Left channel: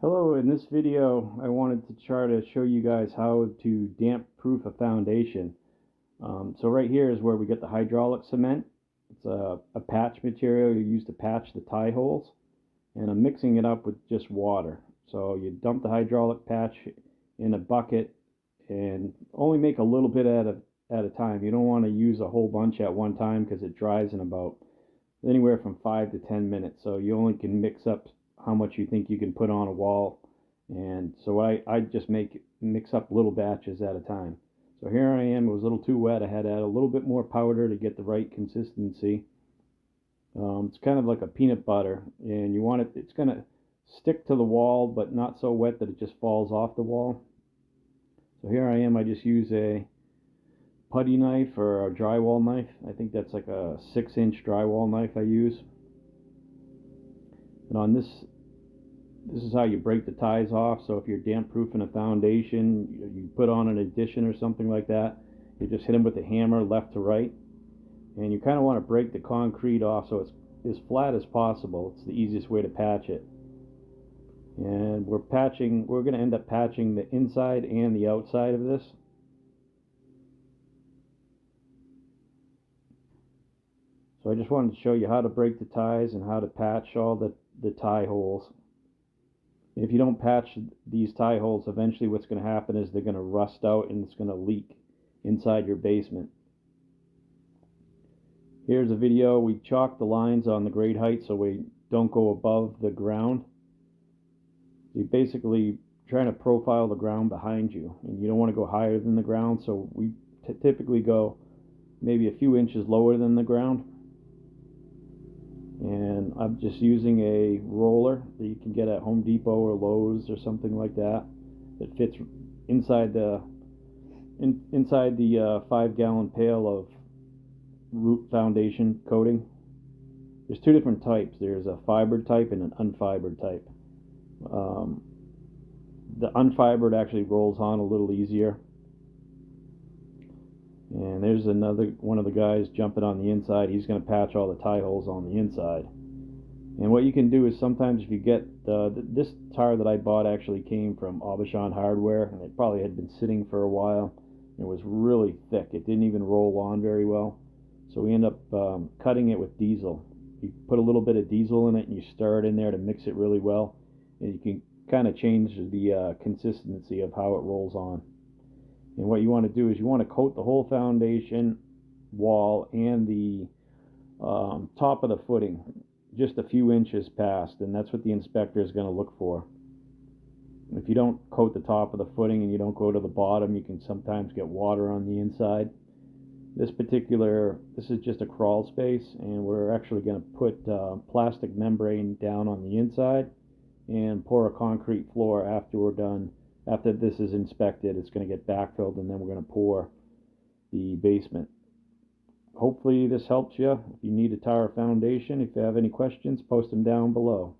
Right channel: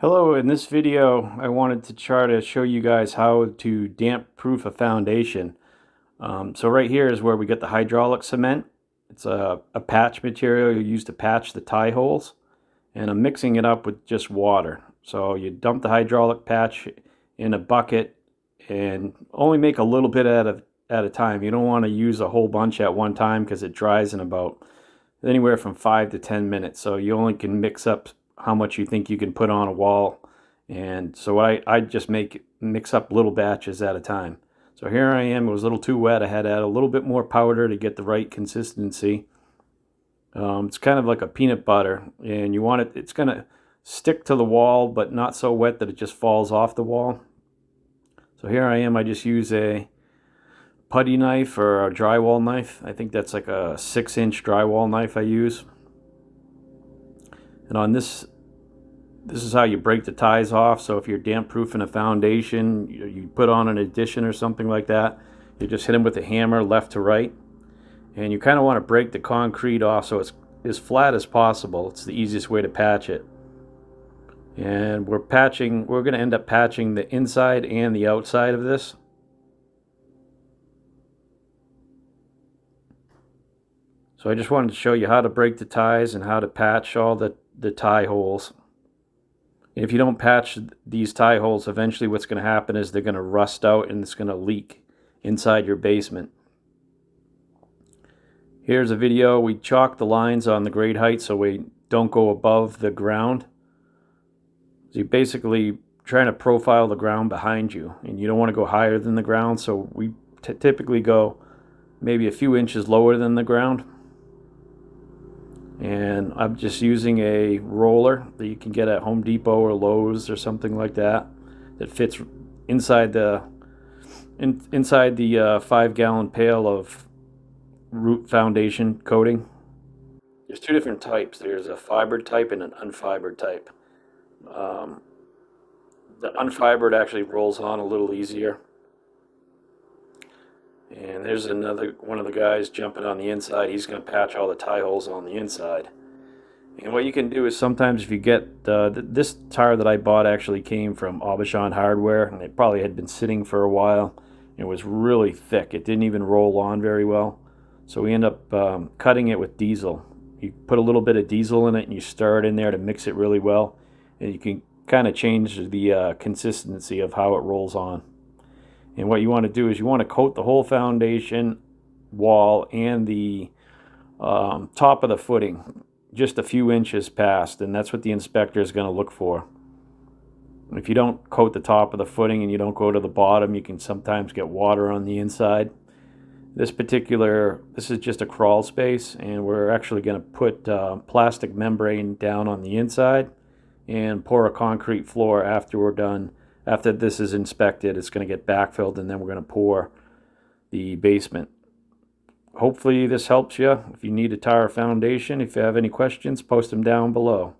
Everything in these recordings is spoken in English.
Hello, in this video I wanted to try to show you guys how to damp proof a foundation. So right here is where we get the hydraulic cement. It's a patch material you use to patch the tie holes, and I'm mixing it up with just water. So you dump the hydraulic patch in a bucket and only make a little bit at a time. You don't want to use a whole bunch at one time because it dries in about anywhere from 5 to 10 minutes. So you only can mix up how much you think you can put on a wall. And so I just mix up little batches at a time. So here I am. It was a little too wet. I had to add a little bit more powder to get the right consistency. It's kind of like a peanut butter, and you want it's going to stick to the wall, but not so wet that it just falls off the wall. So here I am. I just use a putty knife or a drywall knife. I think that's like a 6-inch drywall knife I use. And on this is how you break the ties off. So if you're damp proofing a foundation, you put on an addition or something like that, you just hit them with a hammer left to right. And you kind of want to break the concrete off so it's as flat as possible. It's the easiest way to patch it. And we're going to end up patching the inside and the outside of this. So I just wanted to show you how to break the ties and how to patch all the tie holes. And if you don't patch these tie holes, eventually what's going to happen is they're going to rust out and it's going to leak inside your basement. Here's a video. We chalk the lines on the grade height so we don't go above the ground. So you're basically trying to profile the ground behind you, and you don't want to go higher than the ground, so we typically go maybe a few inches lower than the ground. And I'm just using a roller that you can get at Home Depot or Lowe's or something like that fits inside the 5-gallon pail of root foundation coating. There's two different types. There's a fibered type and an unfibered type. The unfibered actually rolls on a little easier. And there's another one of the guys jumping on the inside. He's going to patch all the tie holes on the inside. And what you can do is sometimes if you get this tire that I bought actually came from Aubuchon Hardware, and it probably had been sitting for a while. It was really thick. It didn't even roll on very well. So we end up cutting it with diesel. You put a little bit of diesel in it and you stir it in there to mix it really well. And you can kind of change the consistency of how it rolls on. And what you want to do is you want to coat the whole foundation wall and the top of the footing just a few inches past, and that's what the inspector is going to look for. If you don't coat the top of the footing and you don't go to the bottom, you can sometimes get water on the inside. This is just a crawl space, and we're actually going to put plastic membrane down on the inside and pour a concrete floor after we're done. After this is inspected, it's going to get backfilled, and then we're going to pour the basement. Hopefully this helps you. If you need a tire foundation, if you have any questions, post them down below.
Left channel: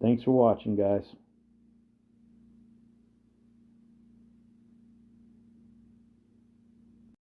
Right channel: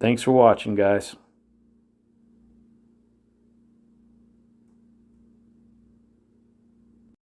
Thanks for watching, guys.